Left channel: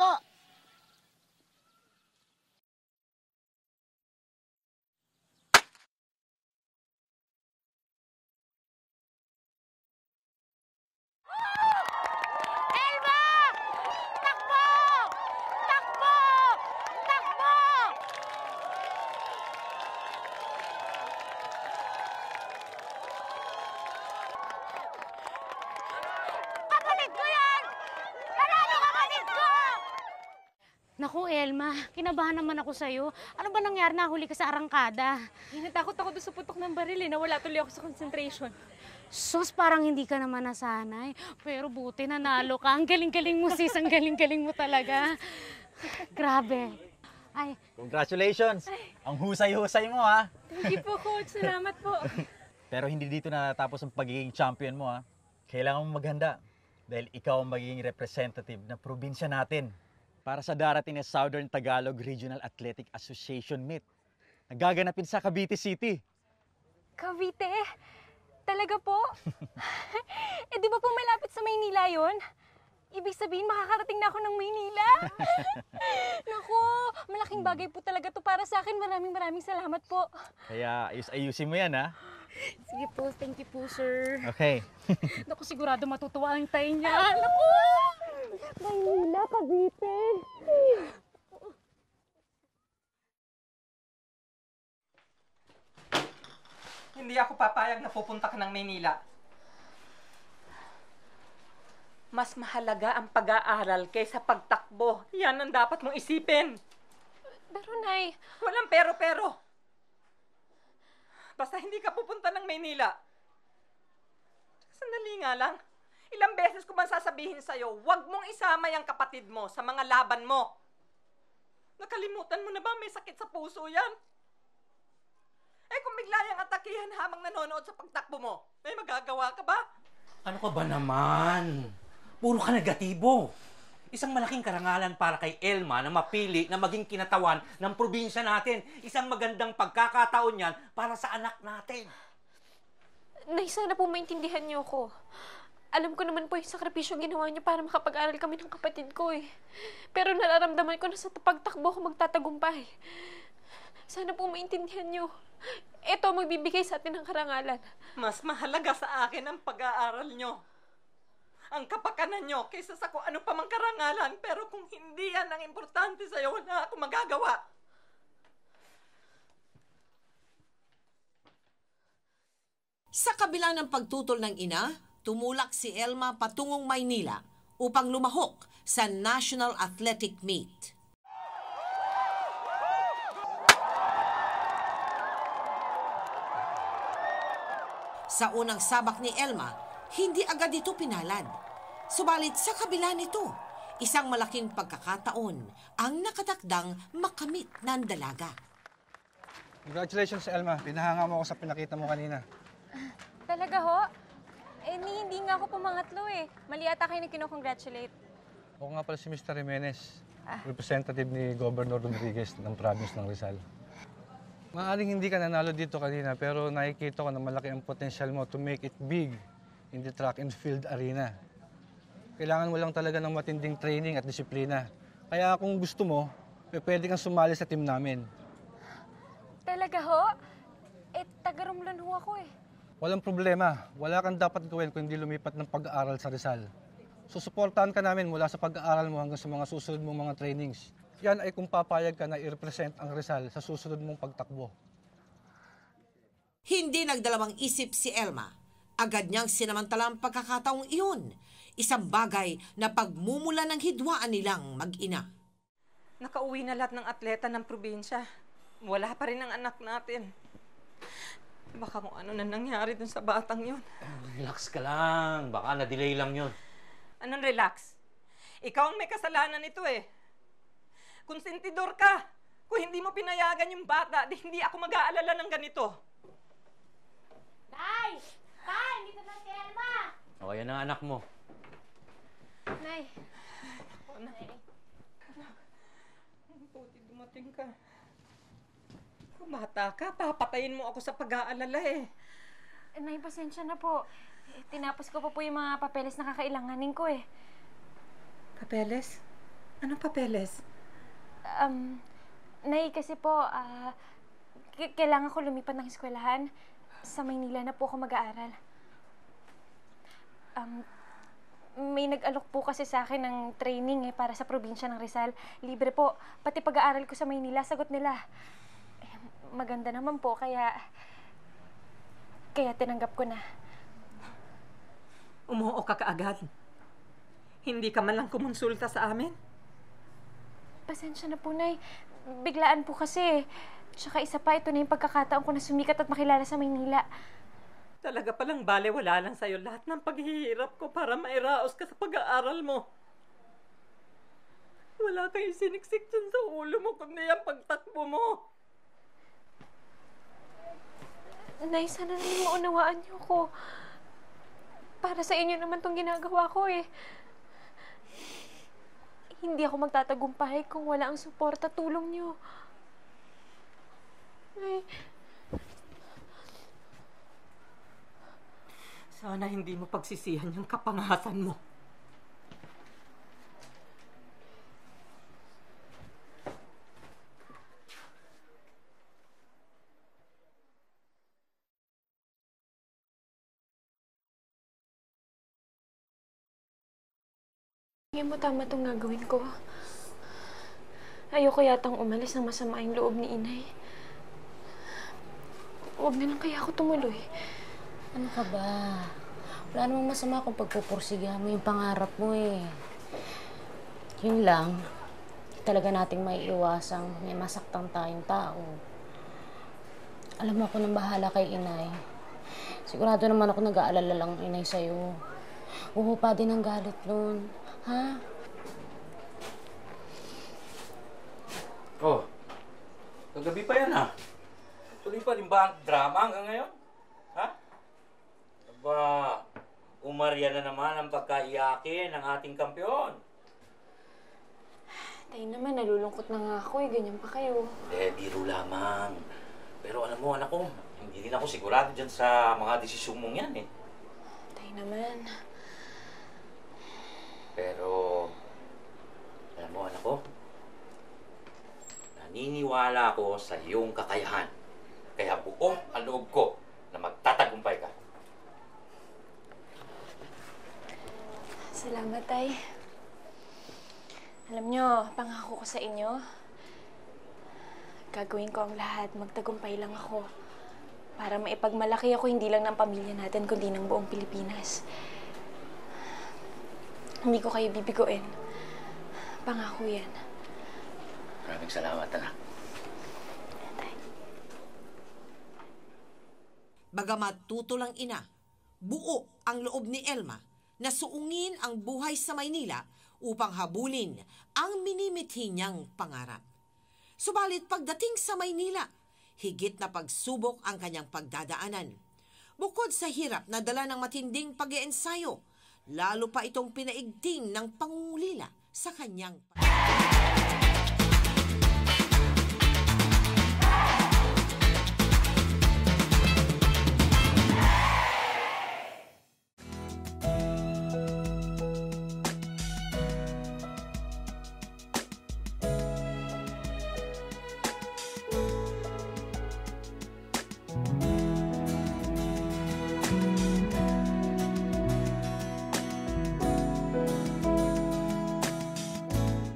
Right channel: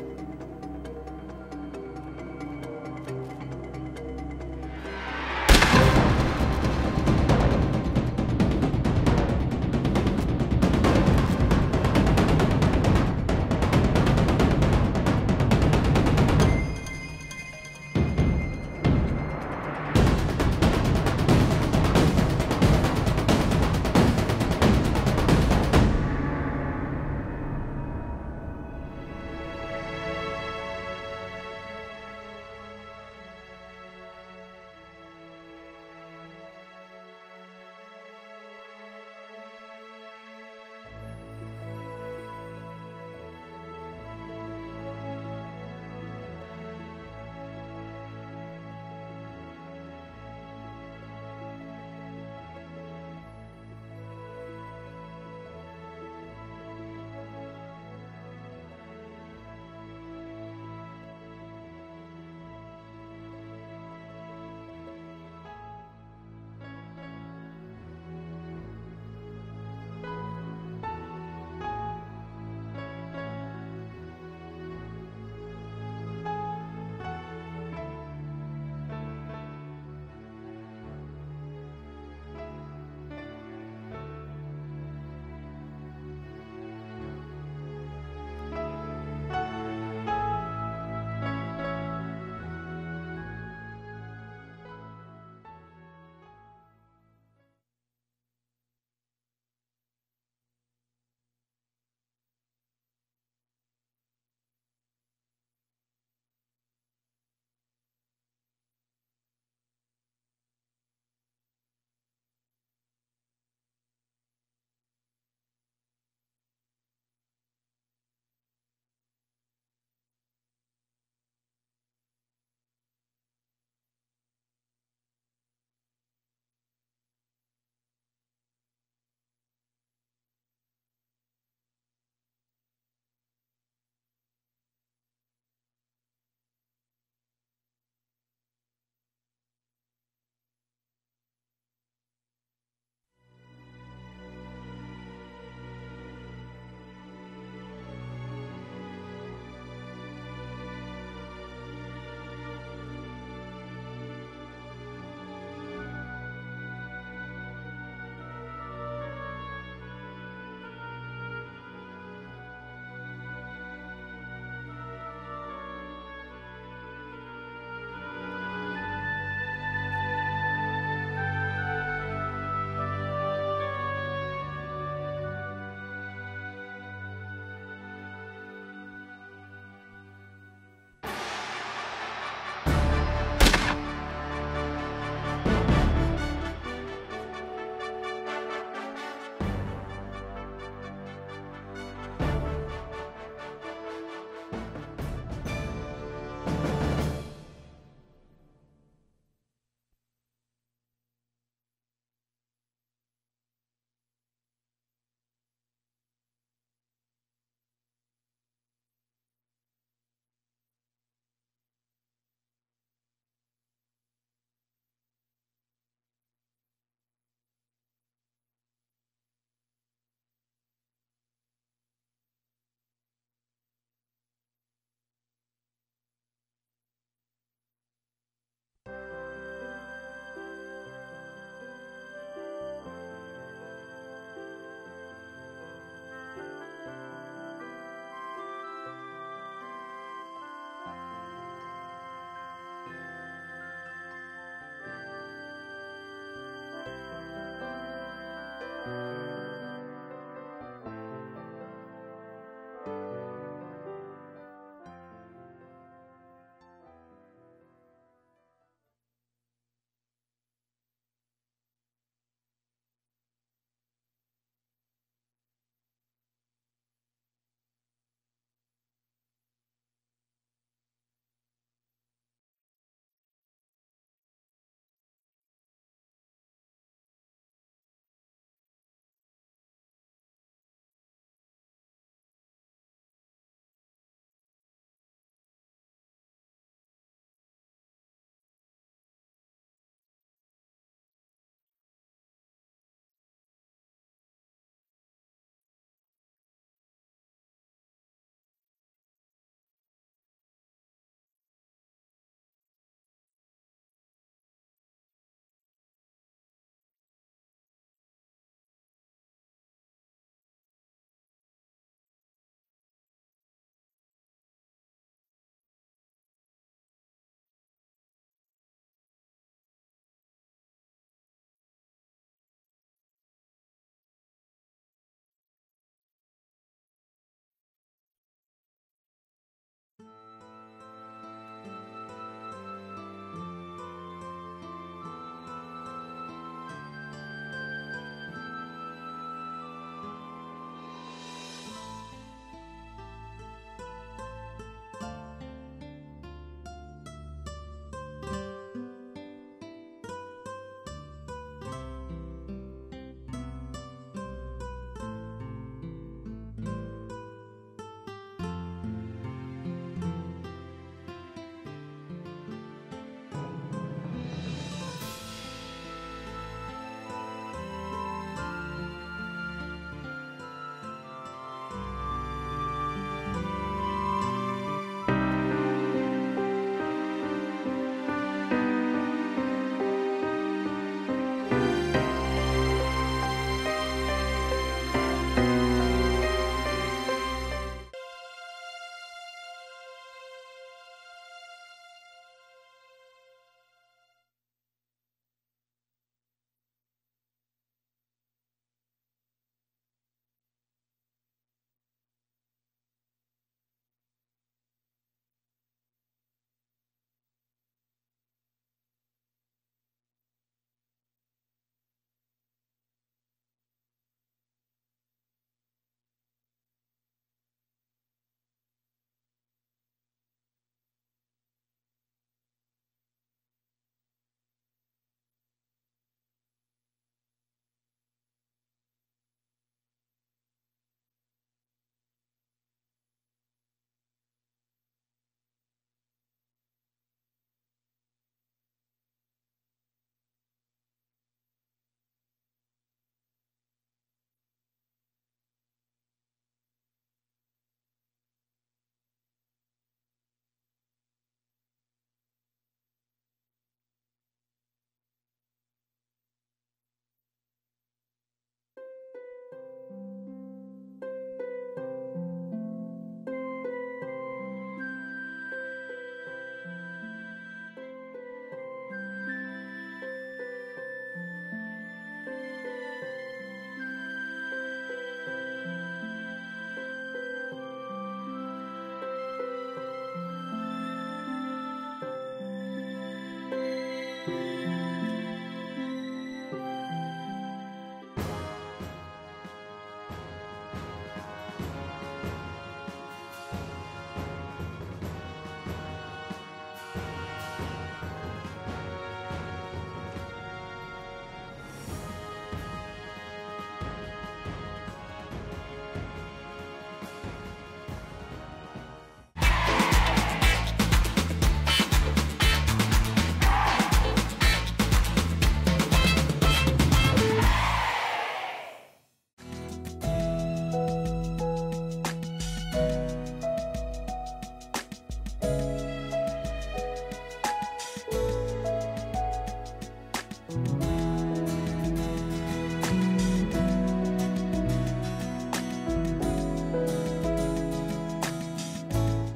po. Kinabahan naman ako sa'yo. Ano ba nangyari? Nahuli ka sa arangkada? Natakot ako doon sa putok ng baril eh. Nawala tuloy ako sa concentration. Sus, parang hindi ka naman nasanay. Pero buti nanalo ka. Ang galing-galing mo, sis. Ang galing-galing mo talaga. Grabe. Ay. Congratulations! Ang husay-husay mo, ha? Hindi po, coach. Salamat po. Pero hindi dito natapos ang pagiging champion mo, ha? Kailangan mong maghanda. Dahil ikaw ang magiging representative ng probinsya natin para sa darating na Southern Tagalog Regional Athletic Association Meet. Nagaganapin sa Cavite City. Cavite? Talaga po? Eh, di ba po malapit sa Maynila yun? Ibig sabihin, makakarating na ako ng Maynila? Naku, malaking bagay po talaga to para sa akin. Maraming salamat po. Kaya ayusin mo yan, ha? Sige po, thank you po, sir. Okay. Naku, sigurado matutuwa ang tayo niya. Naku! Maynila, Cavite. Hindi ako papayag na pupunta ka ng Maynila. Mas mahalaga ang pag-aaral kaysa pagtakbo. Yan ang dapat mong isipin. Pero, Nay... Walang pero-pero. Basta hindi ka pupunta ng Maynila. Sandali nga lang. Ilang beses ko bang sasabihin sa'yo, huwag mong isama yung kapatid mo sa mga laban mo. Nakalimutan mo na ba may sakit sa puso yan? Eh kung bigla yung atakihan habang nanonood sa pagtakbo mo, may magagawa ka ba? Ano ka ba naman? Puro ka negatibo. Isang malaking karangalan para kay Elma na mapili na maging kinatawan ng probinsya natin. Isang magandang pagkakataon yan para sa anak natin. Nay, sana po maintindihan niyo ako. Alam ko naman po yung sakripisyong ginawa niyo para makapag-aral kami ng kapatid ko eh. Pero nararamdaman ko na sa pagtakbo ko magtatagumpay. Sana po maintindihan niyo. Ito ang magbibigay sa atin ng karangalan. Mas mahalaga sa akin ang pag-aaral nyo. Ang kapakanan nyo kaysa sa kung ano pa mang karangalan. Pero kung hindi yan ang importante sa'yo, wala ako magagawa. Sa kabila ng pagtutol ng ina, tumulak si Elma patungong Maynila upang lumahok sa National Athletic Meet. Sa unang sabak ni Elma, hindi agad ito pinalad. Subalit sa kabila nito, isang malaking pagkakataon ang nakatakdang makamit ng dalaga. Congratulations, Elma. Pinahanga mo ako sa pinakita mo kanina. Talaga ho? Eh, hindi nga ako pumangatlo eh. Mali ata kayo na kinocongratulate. Ako nga pala si Mr. Jimenez, representative ni Governor Rodriguez ng province ng Rizal. Maaaring hindi ka nanalo dito kanina, pero nakikita ko na malaki ang potensyal mo to make it big in the track and field arena. Kailangan mo lang talaga ng matinding training at disiplina. Kaya kung gusto mo, pwede kang sumali sa team namin. Talaga ho? Eh, taga-Romblon ho ako eh. Walang problema. Wala kang dapat gawin kung hindi lumipat ng pag-aaral sa Rizal. Susuportahan ka namin mula sa pag-aaral mo hanggang sa mga susunod mong mga trainings. Yan ay kung papayag ka na i-represent ang Rizal sa susunod mong pagtakbo. Hindi nagdalawang isip si Elma. Agad niyang sinamantala ang pagkakataong iyon. Isang bagay na pagmumula ng hidwaan nilang mag-ina. Nakauwi na lahat ng atleta ng probinsya. Wala pa rin ang anak natin. Baka kung ano na nangyari dun sa batang yun. Relax ka lang. Baka na-delay lang yun. Anong relax? Ikaw ang may kasalanan nito eh. Konsentidor ka. Kung hindi mo pinayagan yung bata, di hindi ako mag-aalala ng ganito. Tay! Tay! Dito na si Elma! O, yan ang anak mo. Nay. Anak. Buti dumating ka. Kung bata ka, papatayin mo ako sa pag-aalala eh. Nay, pasensya na po. Tinapos ko pa po yung mga papeles na kakailanganin ko eh. Papeles? Anong papeles? Nay, kasi po, kailangan ko lumipat ng eskwelahan. Sa Maynila na po ako mag-aaral. May nag-alok po kasi sa akin ng training para sa probinsya ng Rizal. Libre po. Pati pag-aaral ko sa Maynila, sagot nila. Maganda naman po, kaya tinanggap ko na. Umuo ka kaagad. Hindi ka man lang kumonsulta sa amin. Pasensya na po, Nay. Biglaan po kasi. Tsaka isa pa, ito na yung pagkakataon ko na sumikat at makilala sa Maynila. Talaga palang bale-wala lang sa'yo lahat ng paghihirap ko para mairaos ka sa pag-aaral mo. Wala kang siniksik dyan sa ulo mo kundi ang pagtakbo mo. Nay, sana rin maunawaan niyo ko. Para sa inyo naman tong ginagawa ko eh. Hindi ako magtatagumpay kung wala ang suporta at tulong niyo. Sana hindi mo pagsisihan yung kapangasan mo. Tingin mo tama itong gagawin ko. Ayoko yatang umalis na masama yung loob ni Inay. Huwag na lang kaya ako tumuloy. Ano ka ba? Wala namang masama kung pagpupursiga mo yung pangarap mo eh. Yun lang, talaga nating may iwasang may masaktan tayong tao. Alam mo, ako nang bahala kay Inay. Sigurado naman ako nag-aalala lang ng Inay sa'yo. Uhupa din ang galit nun. Ha? Oh, kagabi pa yan Tuloy pa rin ba ang drama hanggang ngayon? Ha? Aba, umarya na naman ang pagkaiyakin ng ating kampiyon. Tayo naman, nalulungkot na nga ako eh. Ganyan pa kayo. Biro lamang. Pero alam mo, anak ko, hindi rin ako sigurado dyan sa mga desisyon mong yan eh. Tayo naman. Pero, alam mo, anak ko, naniniwala ako sa iyong kakayahan. Kaya buo ang loob ko na magtatagumpay ka. Salamat, Tay. Alam nyo, pangako ko sa inyo, gagawin ko ang lahat. Magtagumpay lang ako. Para maipagmalaki ako hindi lang ng pamilya natin, kundi ng buong Pilipinas. Hindi ko kayo bibiguin. Pangako yan. Maraming salamat, anak. Bagamat tutulang ina, buo ang loob ni Elma na suungin ang buhay sa Maynila upang habulin ang minimithi niyang pangarap. Subalit pagdating sa Maynila, higit na pagsubok ang kanyang pagdadaanan. Bukod sa hirap na dala ng matinding pag-iensayo, lalo pa itong pinaigting ng pangungulila sa kanyang